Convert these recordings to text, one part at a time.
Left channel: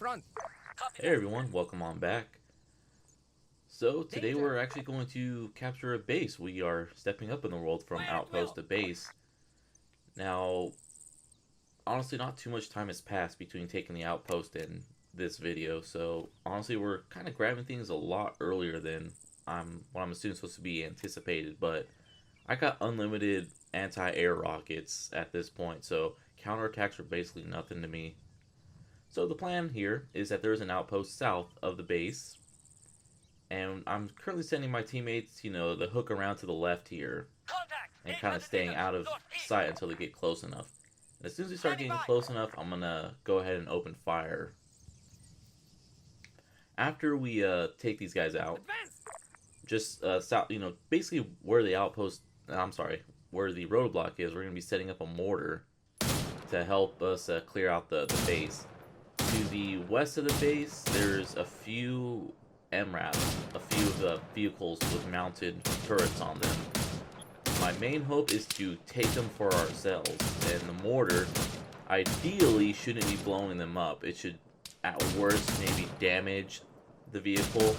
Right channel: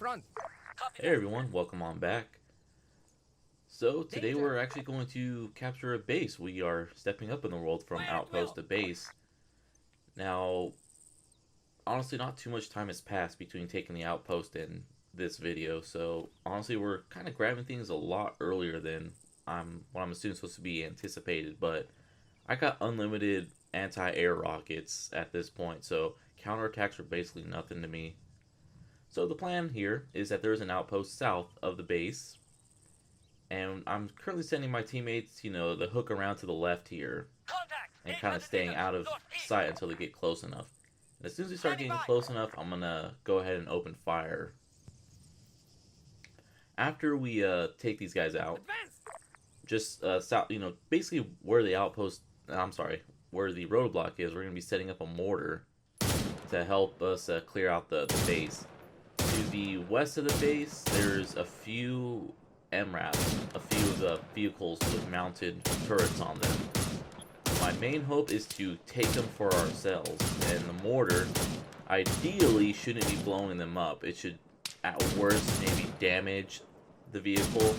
front. Hey everyone, welcome on back. So today we're actually going to capture a base. We are stepping up in the world from outpost to base. Now, honestly, not too much time has passed between taking the outpost and this video, so honestly we're kind of grabbing things a lot earlier than what I'm assuming supposed to be anticipated, but I got unlimited anti-air rockets at this point, so counterattacks are basically nothing to me. So the plan here is that there's an outpost south of the base, and I'm currently sending my teammates, the hook around to the left here, and kind of staying out of sight until they get close enough. And as soon as we start getting close enough, I'm gonna go ahead and open fire. After we take these guys out, just south, basically where the outpost, where the roadblock is, we're gonna be setting up a mortar to help us clear out the base. To the west of the base, there's a few MRAPs, a few of the vehicles with mounted turrets on them. My main hope is to take them for ourselves, and the mortar ideally shouldn't be blowing them up. It should, at worst, maybe damage the vehicle,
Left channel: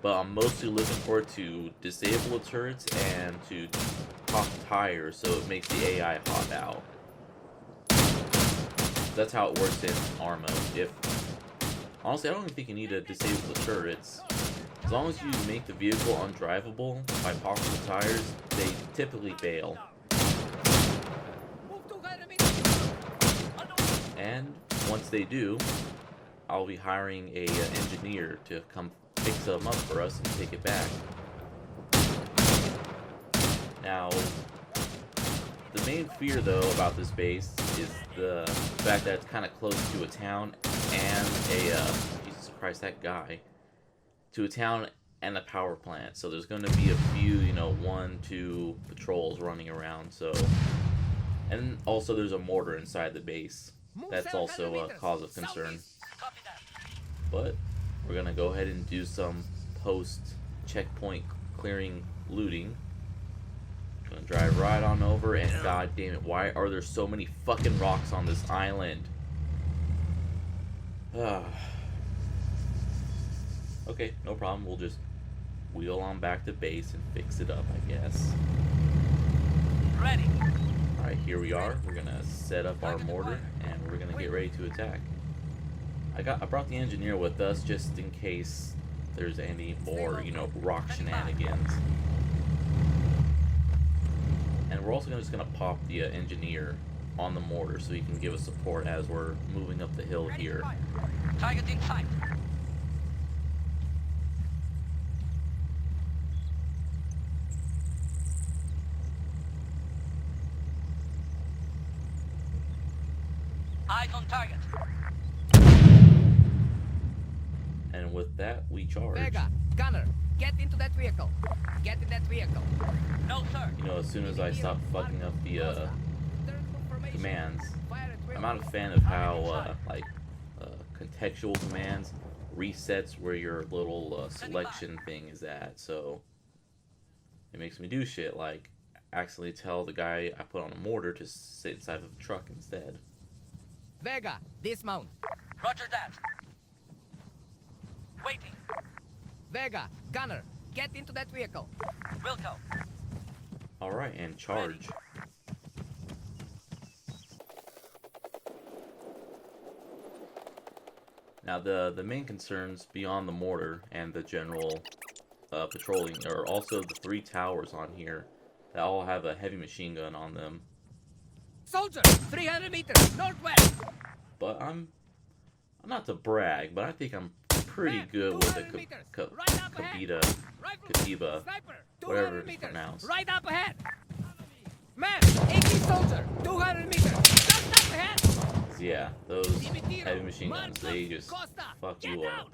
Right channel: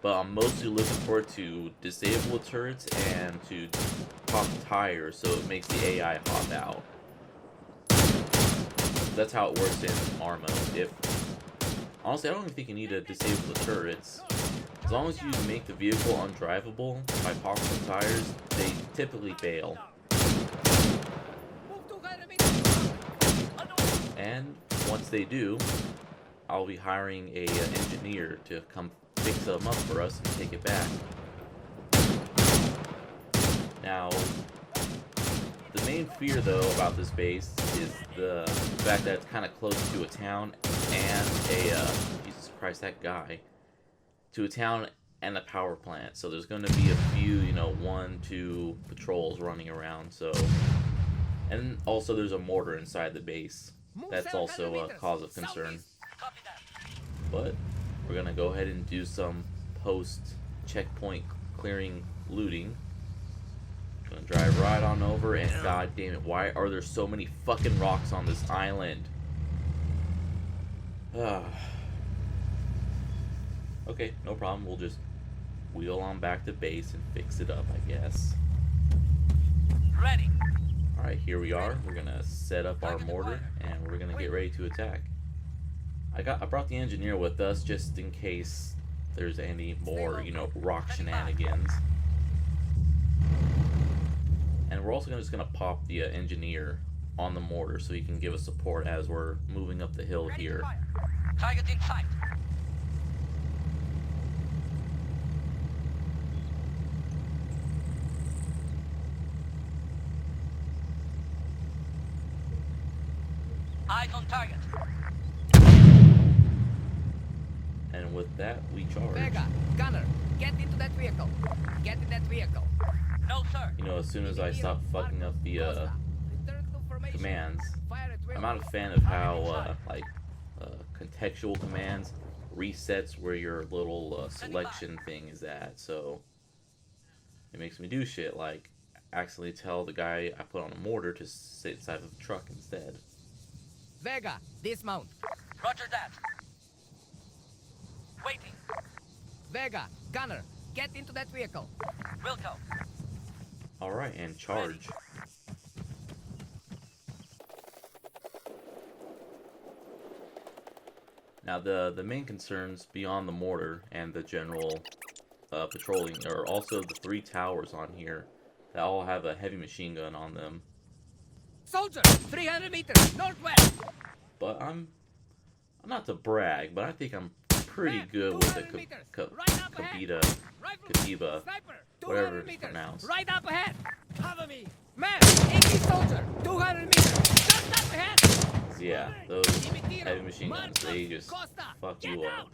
but I'm mostly looking for it to disable the turrets and to pop tires so it makes the AI hop out. That's how it works in Armo. Honestly, I don't even think you need to disable the turrets. As long as you make the vehicle undrivable by popping the tires, they typically fail. And once they do, I'll be hiring a engineer to come fix them up for us and take it back. Now, the main fear, though, about this base is the fact that it's kind of close to a town and Jesus Christ, that guy. To a town and a power plant. So there's going to be a few, 1-2 patrols running around, so... And also there's a mortar inside the base. That's also a cause of concern. But we're going to go ahead and do some post-checkpoint clearing looting. Gonna drive right on over, and god damn it, why are there so many fucking rocks on this island? Okay, no problem, we'll just wheel on back to base and fix it up, I guess. Ready. Alright, here we are. We're gonna set up our mortar, and we're gonna get ready to attack. I brought the engineer with us, just in case there's any more, rock shenanigans. And we're also just going to pop the engineer on the mortar so he can give us support as we're moving up the hill here. Target in sight. Eyes on target. And with that, we charge. Vega, gunner, get into that vehicle. Get in that vehicle. No, sir. As soon as I stop fucking up the commands, I'm not a fan of how contextual commands resets where your little selection thing is at. So it makes me do shit like accidentally tell the guy I put on a mortar to sit inside of a truck instead. Vega, dismount. Roger that. Waiting. Vega, gunner, get into that vehicle. Will go. Alright, and charge. Now the main concerns beyond the mortar and the general patrolling are also the 3 towers on here that all have a heavy machine gun on them. Soldier, 300 meters, northwest. But I'm not to brag, but I think I'm pretty good with the Katiba, whatever it's pronounced. Right up ahead. Cover me. Man, 80 soldier, 200 meters, just up ahead. Yeah, those heavy machine guns, they just fuck you up.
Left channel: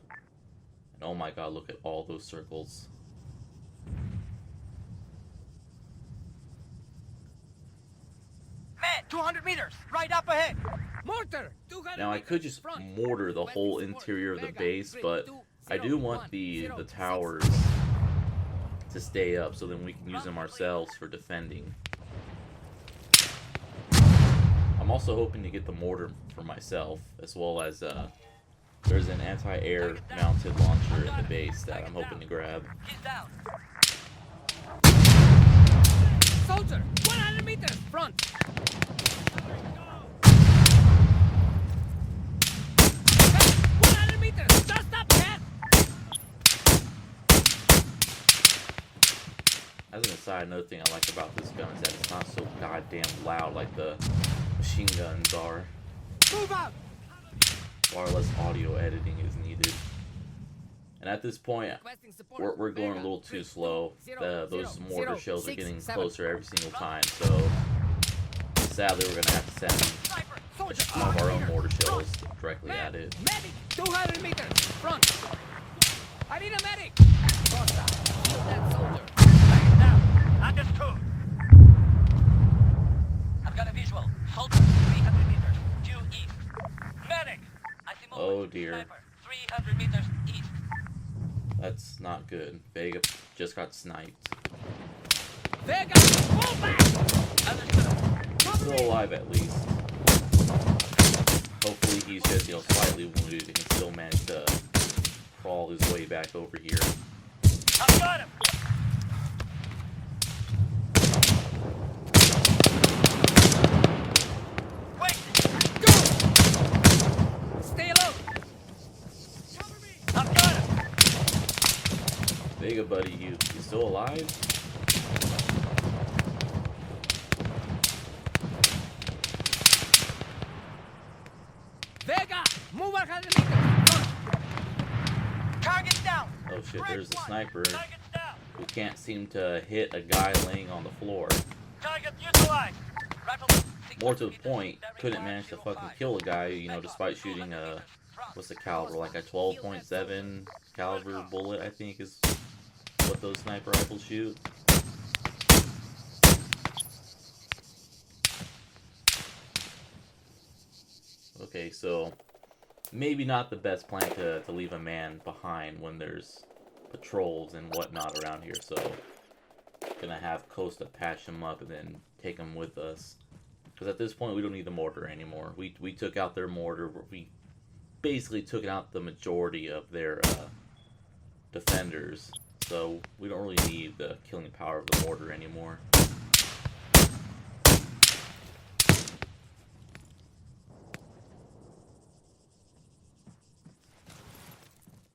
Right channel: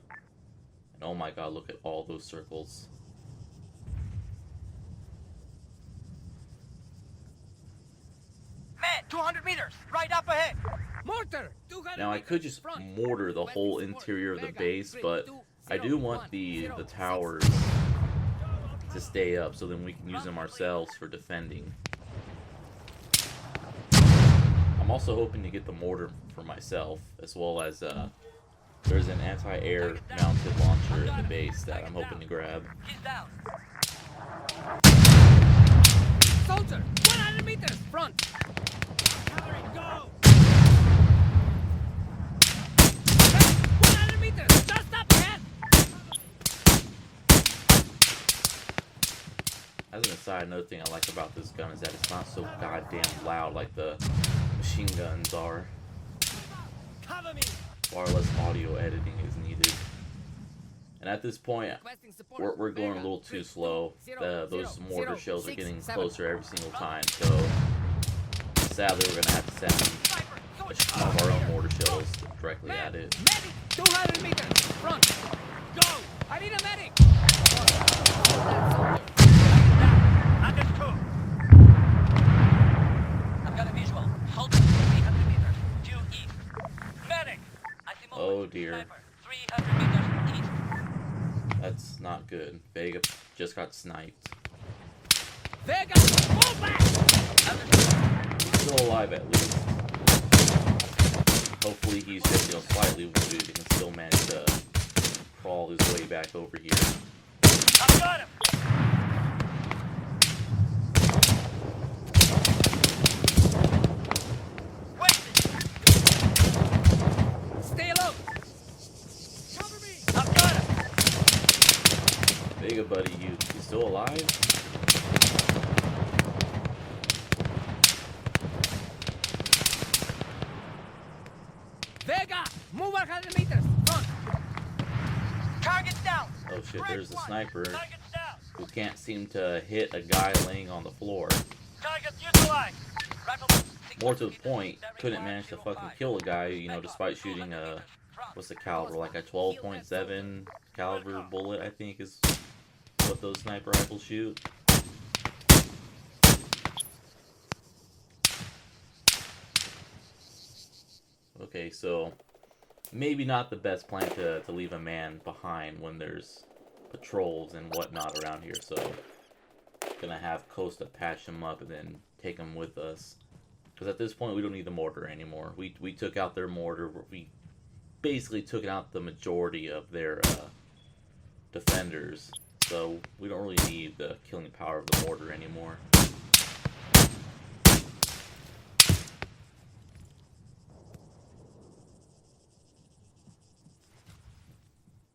And oh my god, look at all those circles. Man, 200 meters, right up ahead. Mortar, 200 Now I could just mortar the whole interior of the base, but I do want the towers to stay up so then we can use them ourselves for defending. I'm also hoping to get the mortar for myself, as well as There's an anti-air mounted launcher in the base that I'm hoping to grab. He's down. Soldier, 100 meters front. Cavalry, go. 100 meters, just up ahead. As an aside, another thing I like about this gun is that it's not so goddamn loud like the machine guns are. Move out. Cover me. Far less audio editing is needed. And at this point, Requesting support. we're going a little too slow. Those mortar shells are getting closer every single time, so sadly we're going to have to send some of our own mortar shells directly at it. Medic, 200 meters front. Go. I need a medic. Kill that soldier. Target down. Understood. I've got a visual. Soldier, 300 meters. Due east. Medic. I see movement. Oh dear. Sniper, 300 meters east. That's not good. Vega just got sniped. Vega, move back. Understood. He's still alive at least. Hopefully he's just, slightly wounded and can still manage to crawl his way back over here. I've got him. Go. Stay low. Cover me. I've got him. Vega, buddy, you still alive? Vega, move 100 meters front. Target down. Oh shit, there's the sniper Target's down. who can't seem to hit a guy laying on the floor. Target neutralized. Rifle. More to the point, couldn't manage to fucking kill a guy, despite shooting a, what's the caliber, like a 12.7 caliber bullet, I think is what those sniper rifles shoot. Okay, so maybe not the best plan to leave a man behind when there's patrols and whatnot around here, so gonna have Costa patch him up and then take him with us. Because at this point, we don't need the mortar anymore. We took out their mortar. We basically took out the majority of their defenders. So we don't really need the killing power of the mortar anymore.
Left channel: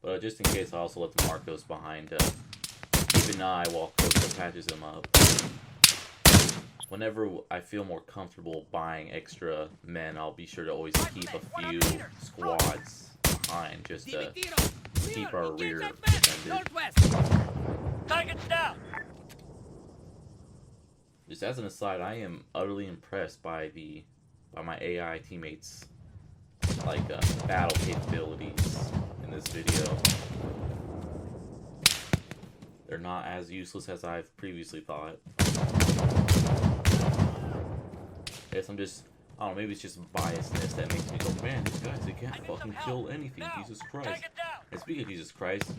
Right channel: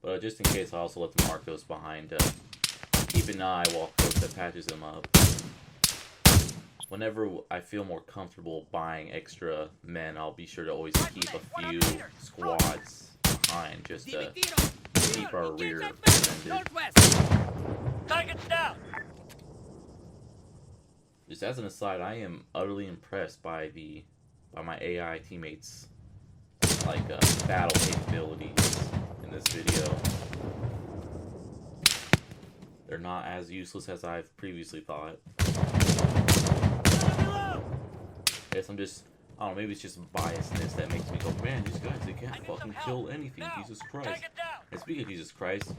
But just in case, I also let the Marcos behind to keep an eye while Costa patches him up. Whenever I feel more comfortable buying extra men, I'll be sure to always keep a few squads behind just to keep our rear defended. Target's down. Just as an aside, I am utterly impressed by my AI teammates' battle capabilities in this video. They're not as useless as I've previously thought. I guess I don't know, maybe it's just biasness that makes me go, man, these guys, they can't fucking kill anything, Jesus Christ. And speaking of Jesus Christ,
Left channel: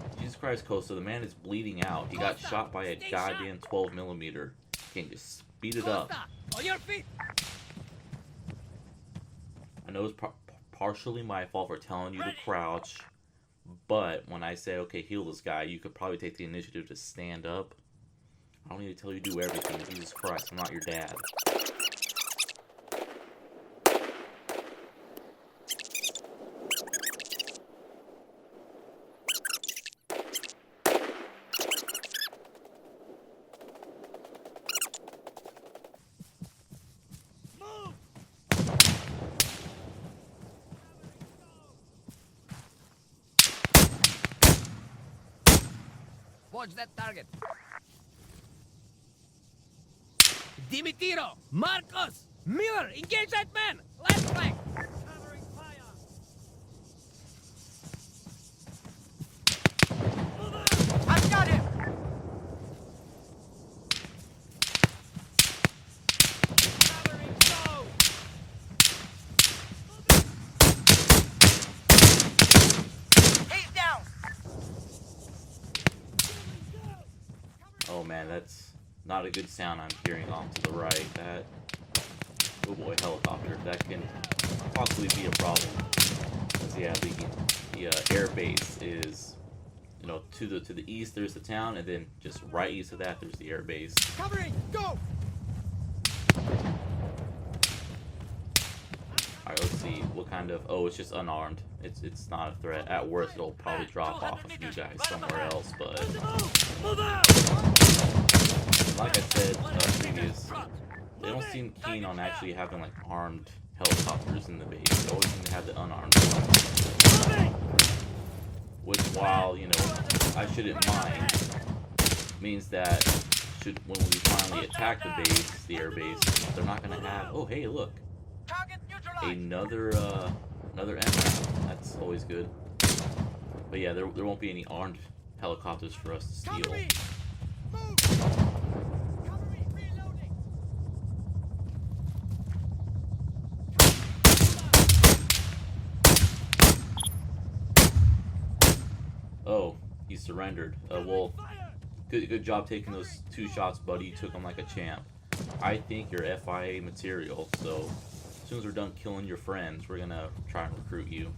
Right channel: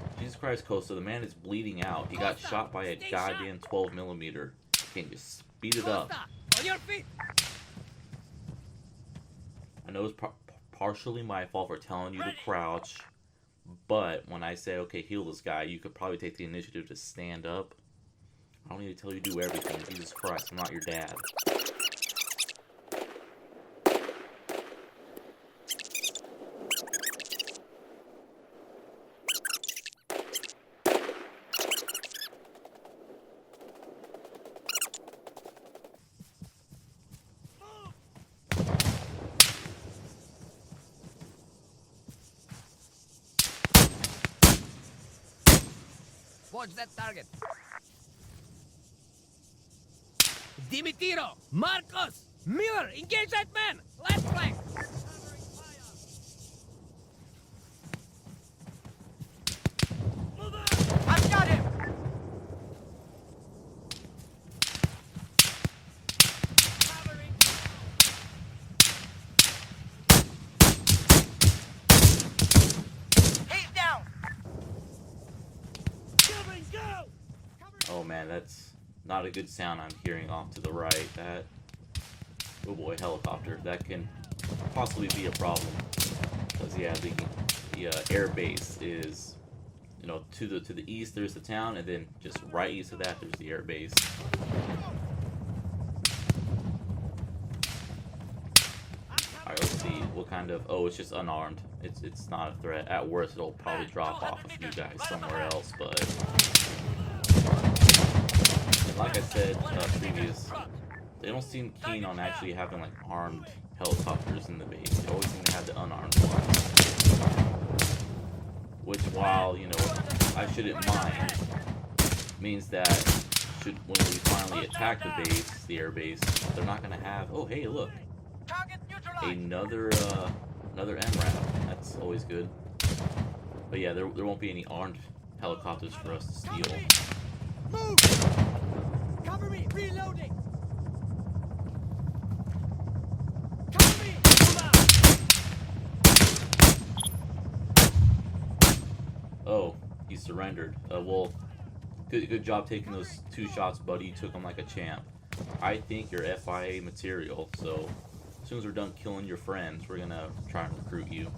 Costa, the man is bleeding out. He got shot by a goddamn 12mm. Can you speed it up? On your feet. I know it's partially my fault for telling you to crouch, but when I say, okay, heal this guy, you could probably take the initiative to stand up. I don't need to tell you to do everything. Jesus Christ, I'm not your dad. Watch that target. Dimitiro, Marcos, Miller, engage that man. Left flank. Covering fire. Move out. I've got him. Covering, go. He's down. Oh man, that's not a good sound I'm hearing off to the right. That, oh boy, helicopter. That can possibly be a problem. Because yeah, the air base is, you know, to the east there's the town, and then just right east of that there's the air base. Cover it. Go. All right, let's see what kind of. Oh, it's just unarmed. It's not a threat. At worst, it'll probably drop off a few guys somewhere else. But and like I said previous, they don't seem keen on actually having like armed helicopters in the base. They always seem to have the unarmed ones. Which, while you know, I shouldn't mind, means that when we finally attack the base, the air base, they're not gonna have. Oh, hey, look. Another MRAP. That's always good. But yeah, there won't be any armed helicopters for us to steal. Cover me. Move. Cover me. Reloading. Cover me. Oh, he surrendered. Well, good job taking those 2 shots, buddy. You took them like a champ. I think you're FIA material, so as soon as we're done killing your friends, we're gonna try and recruit you.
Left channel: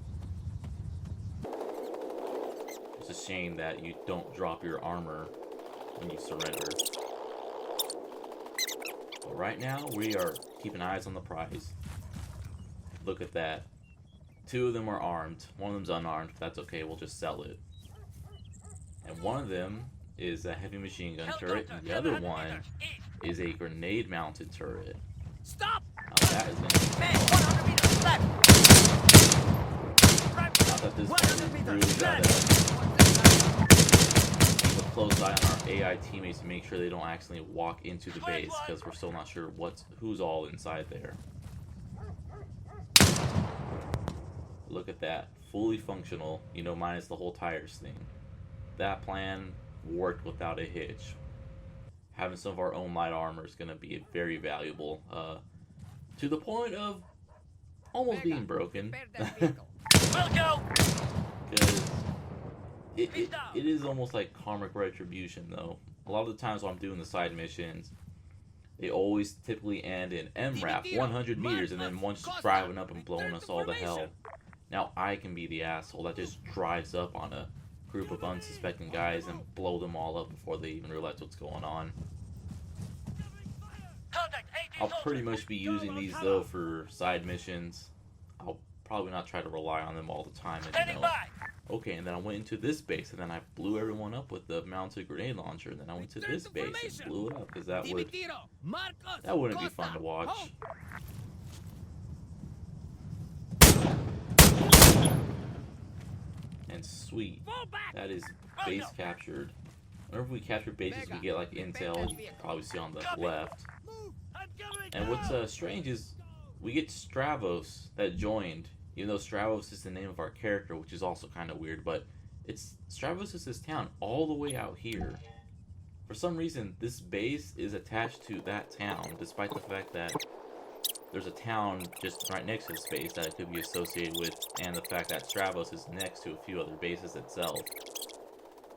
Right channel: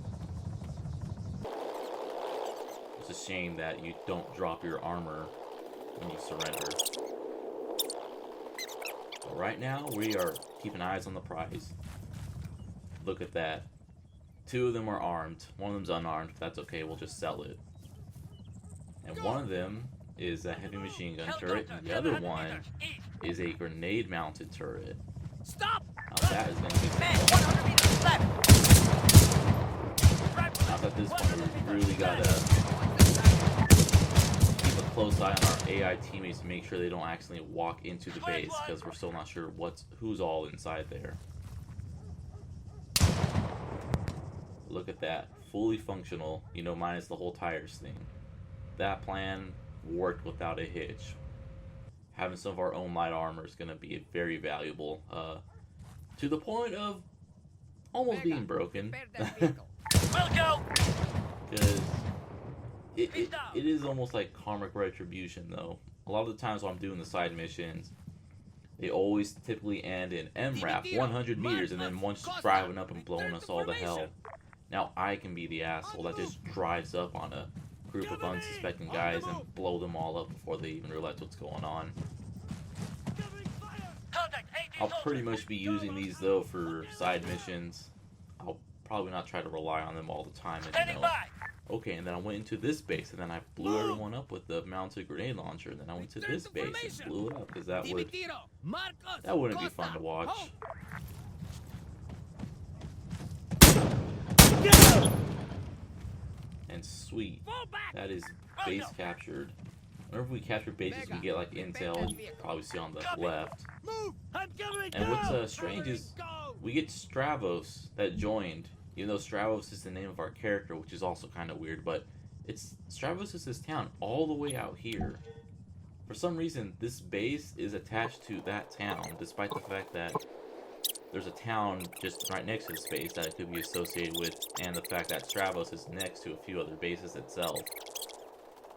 It's a shame that you don't drop your armor when you surrender. But right now, we are keeping eyes on the prize. Look at that. 2 of them are armed. One of them's unarmed. That's okay, we'll just sell it. And one of them is a heavy machine gun turret, and the other one is a grenade-mounted turret. Stop. Now that is going to be some Man, fun. 100 meters left. Not at this point, we really gotta keep a close eye on our AI teammates to make sure they don't accidentally walk into the base, because we're still not sure who's all inside there. Look at that, fully functional, you know, minus the whole tires thing. That plan worked without a hitch. Having some of our own light armor is going to be very valuable, to the point of almost being broken. We'll go. Because it is almost like karmic retribution, though. A lot of the times when I'm doing the side missions, they always typically end in MRAP, 100 meters, and then one's just driving up and blowing us all to hell. Now I can be the asshole that just drives up on a group of unsuspecting guys and blow them all up before they even realize what's going on. I'll pretty much be using these though for side missions. I'll probably not try to rely on them all the time, as you know. Okay, and then I went into this base, and then I blew everyone up with the mounted grenade launcher, and then I went to this base and blew it up, because that wouldn't be fun to watch. And sweet, that is base captured. Whenever we capture bases, we get like intel. You can probably see on the left. And what's strange is we get Stravos that joined, even though Stravos is the name of our character, which is also kind of weird. But Stravos is this town all the way out here. For some reason, this base is attached to that town, despite the fact that there's a town just right next to this base that it could be associated with, and the fact that Stravos is next to a few other bases itself.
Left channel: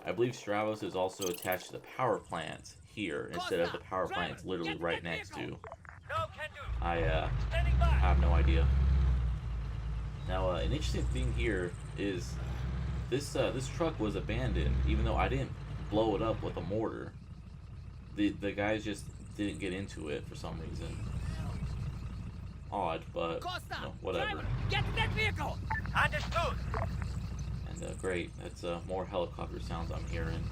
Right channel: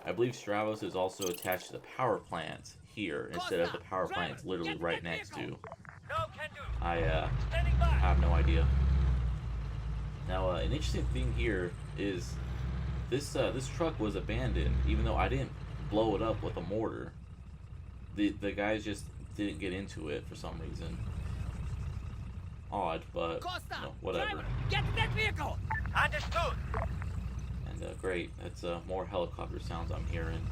I believe Stravos is also attached to the power plant here, instead of the power plant it's literally right next to. I have no idea. Now, an interesting thing here is this truck was abandoned, even though I didn't blow it up with a mortar. The guys just didn't get into it for some reason. Odd, but no, whatever. Get to that vehicle. Understood. And great, that's more helicopter sounds I'm hearing.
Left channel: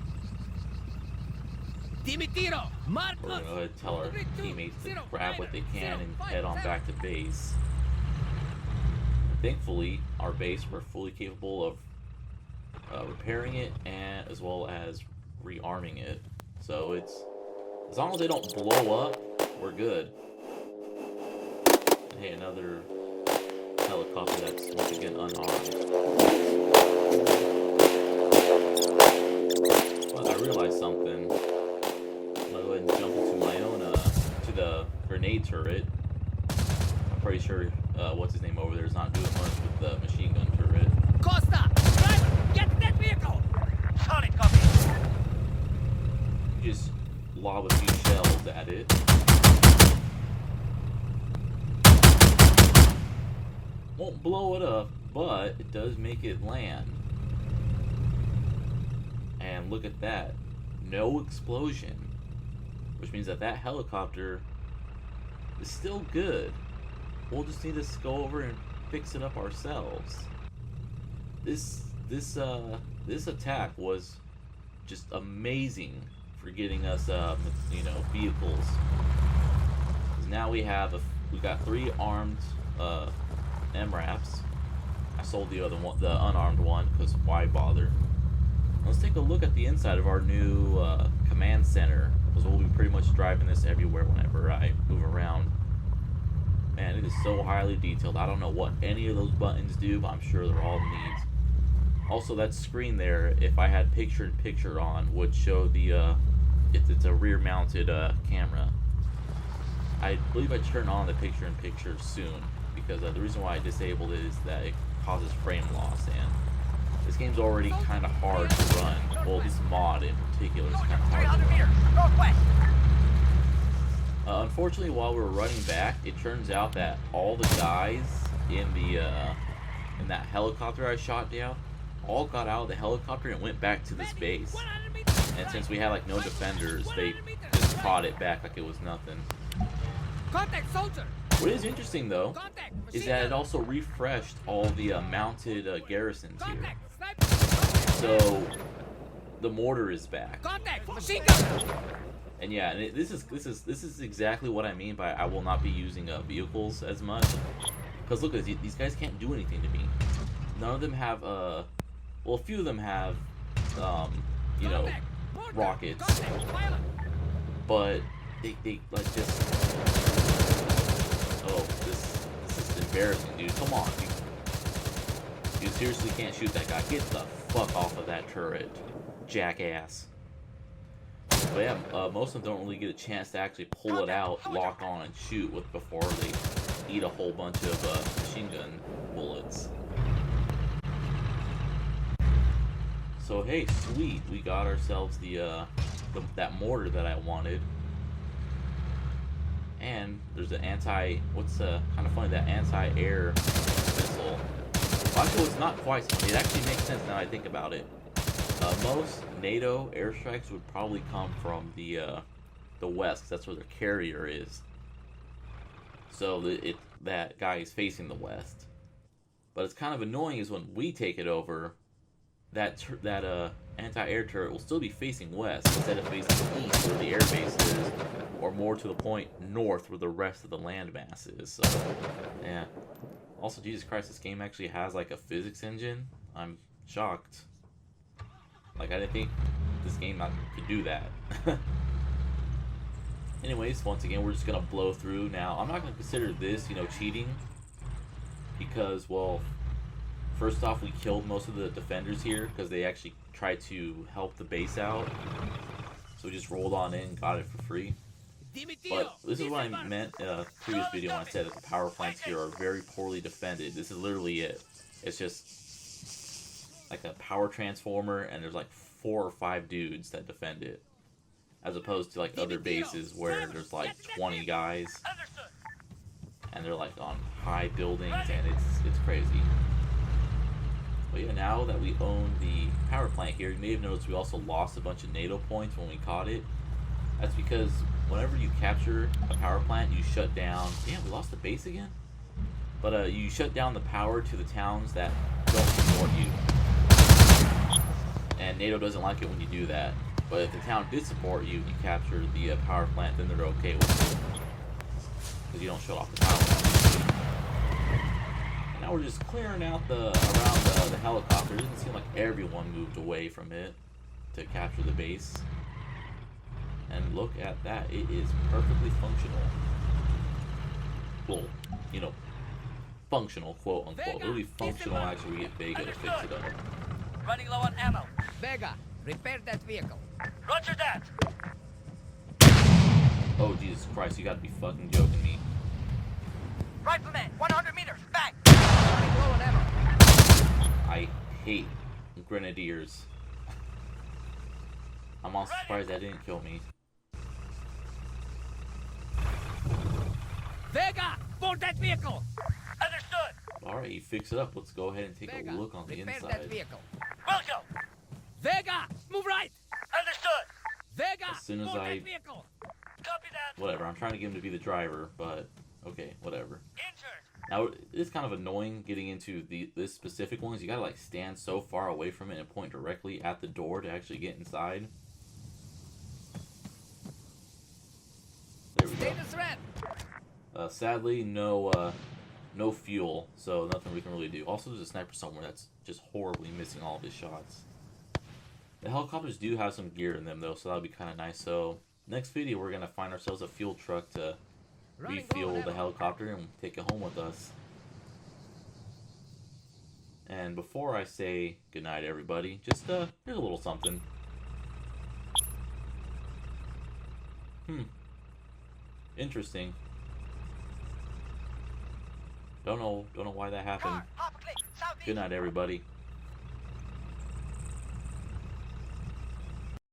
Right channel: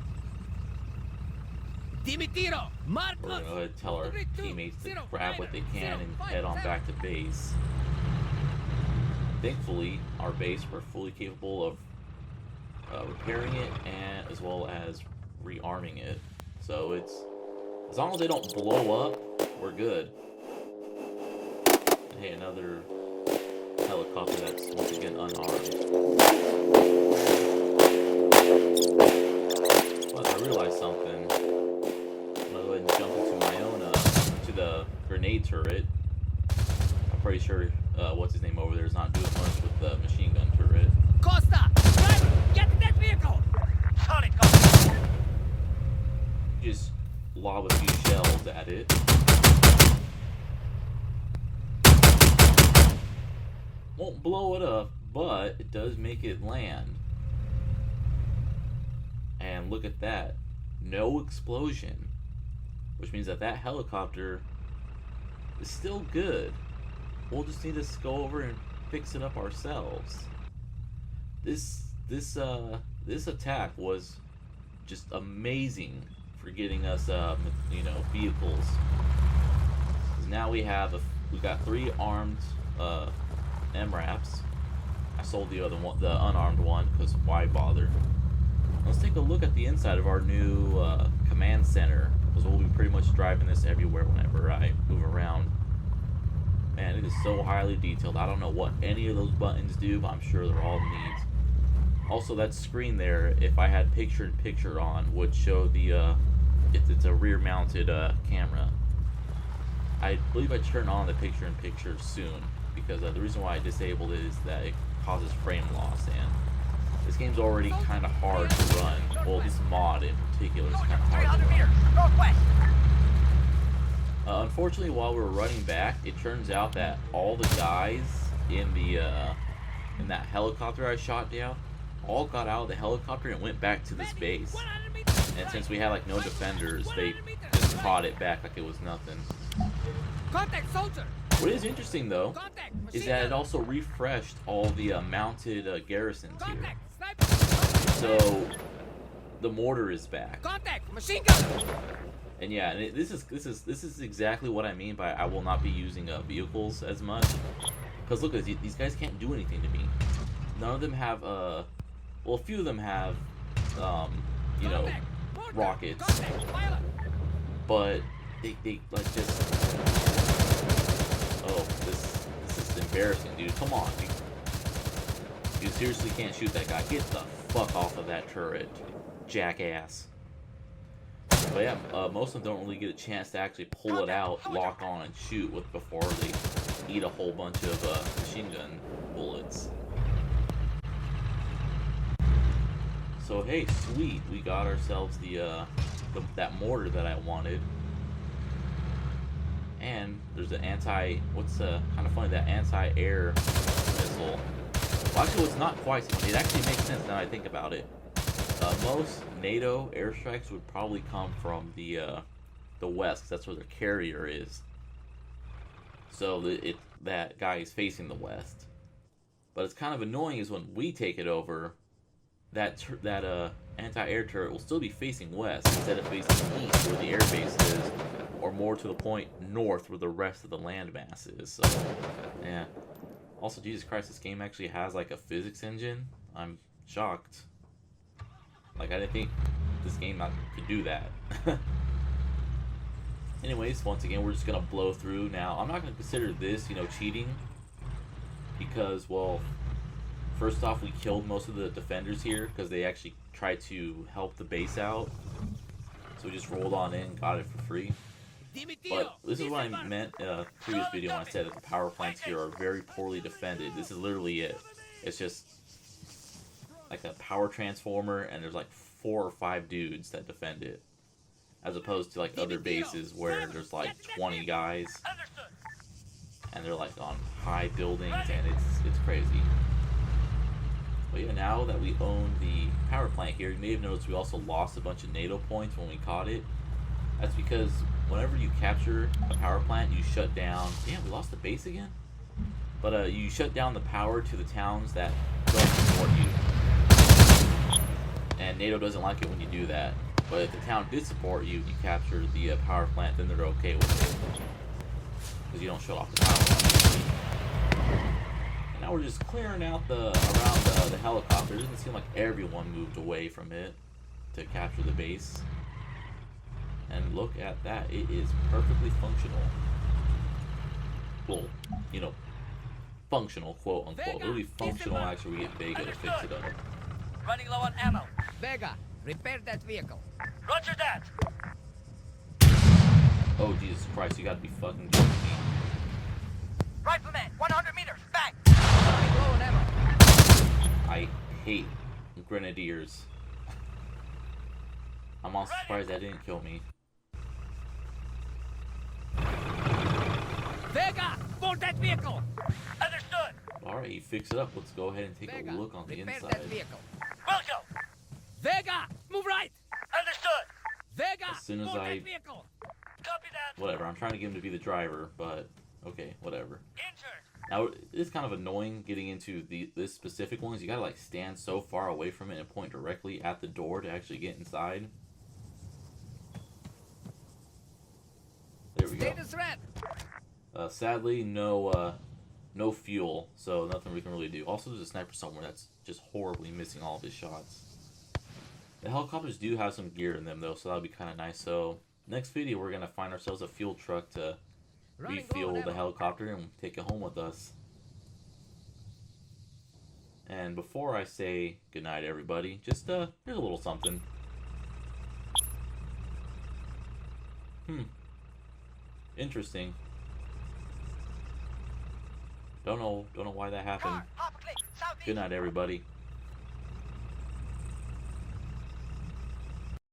Dimitiro, We're gonna go ahead and tell our teammates to grab what they can and head on back to base. Thankfully, our base, we're fully capable of repairing it, and as well as rearming it. So it's, as long as they don't blow up, we're good. And hey, another helicopter that's once again unarmed. But I realized something. I'm gonna go ahead and jump into my own, to the grenade turret. I'm pretty sure, what's his name over there is not doing much with the machine gun turret. Costa, driver, get to that vehicle. Solid copy. Just lob a few shells at it. Won't blow it up, but it does make it land. And look at that. No explosion. Which means that that helicopter is still good. We'll just need to go over and fix it up ourselves. This attack was just amazing for getting us, vehicles. 'Cause now we got 3 armed MRAPs. I sold the other one, the unarmed one, because why bother? Let's take a look at the inside of our new command center, because we'll be pretty much driving this everywhere whenever I move around. Man, it is so highly detailed. I don't know what any of those buttons do, but I'm sure they're all neat. Also, that screen there, if I had picture-in-picture on, would show the, it's a rear-mounted camera. I believe I turn on the picture-in-picture soon, because the reason why I disabled it is that it causes frame loss, and this game's already kind of hard to run. Well, this mod in particular is kind of hard to run. Unfortunately, while we were running back, it turns out that all the guys in that helicopter I shot down all got out of the helicopter and went back to this base. And since we had like no defenders, they just caught it back like it was nothing. Contact soldier. What is interesting though is that it also refreshed all the mounted garrisons here. So the mortar is back. Contact machine gun. And yeah, and this is exactly what I mean by I will not be using vehicles as much. Because look, these guys can't do anything to me. None of them have well, a few of them have rockets, but they like just. Oh, this is embarrassing, dude. Come on, you seriously can't shoot that guy. Get the fuck off of that turret, jackass. But yeah, most of them don't really get a chance to actually pull it out, lock on, and shoot before they eat a whole bunch of machine gun bullets. So hey, sweet, we got ourselves that mortar that I wanted. And there's an kind of funny, that anti-air missile. Well, actually, it's not quite so funny. It actually makes sense now I think about it. Most NATO airstrikes would probably come from the west, 'cause that's where their carrier is. So that guy is facing the west. But it's kind of annoying is when we take it over, that anti-air turret will still be facing west instead of facing east where the air base is, or more to the point, north where the rest of the landmass is. So, yeah. Also, Jesus Christ, this game actually has like a physics engine. I'm shocked. Like, I didn't think this game could do that. Anyways, once again, we're just gonna blow through. Now, I'm not gonna consider this, cheating, because, well, first off, we killed most of the defenders here because they actually tried to help the base out. So we just rolled on in, got it for free. But this is what I meant in a previous video when I said that the power plants here are very poorly defended. This is literally it. It's just like a power transformer, and there's like 4 or 5 dudes that defend it, as opposed to like other bases where there's like 20 guys, and they're like on high buildings, and it's crazy. But yeah, now that we own the power plant here, you may have noticed we also lost a bunch of NATO points when we caught it. That's because whenever you capture a power plant, you shut down. Damn, we lost the base again? But you shut down the power to the towns that don't support you. And NATO doesn't like it when you do that. But if the town did support you and you capture the power plant, then they're okay with it. Because you don't shut off the power, obviously. And now we're just clearing out around the helicopter. It doesn't seem like everyone moved away from it to capture the base. And look at that. It is perfectly functional. Well, functional, quote unquote. Really functional, actually, we get Vega to fix it up. Running low on ammo. Vega, repair that vehicle. Roger that. Oh, Jesus Christ, you gotta be fucking joking me. Rifleman, 100 meters, back. Running low on ammo. I hate grenadiers. I'm also surprised that didn't kill me. Vega, board that vehicle. Understood. Alright, you fix it up. Let's go ahead and take Vega, a look on the repair inside. that vehicle. Will do. Vega, move right. Understood. Vega, As soon as move I- that vehicle. Copy that. Whatever, I'm trying to get him to be the driver, but okay, whatever. Injured. Now, it's kind of annoying getting into this specific ones. You gotta like stand so far away from it and point directly at the door to actually get inside. There we go. Status red. Sadly, no fuel, so nothing we can really do. Also, there's a sniper somewhere that's just horribly missing all of his shots. The helicopters do have some gear in them, though, so that'll be kind of nice. So, next video, we're going to find ourselves a fuel truck to Running refuel low on the ammo. helicopter and take it home with us. And before I say goodnight, everybody, just, here's a little something. Interesting. Don't know why that happened. Car, Hopper Click, southeast. Good night, everybody.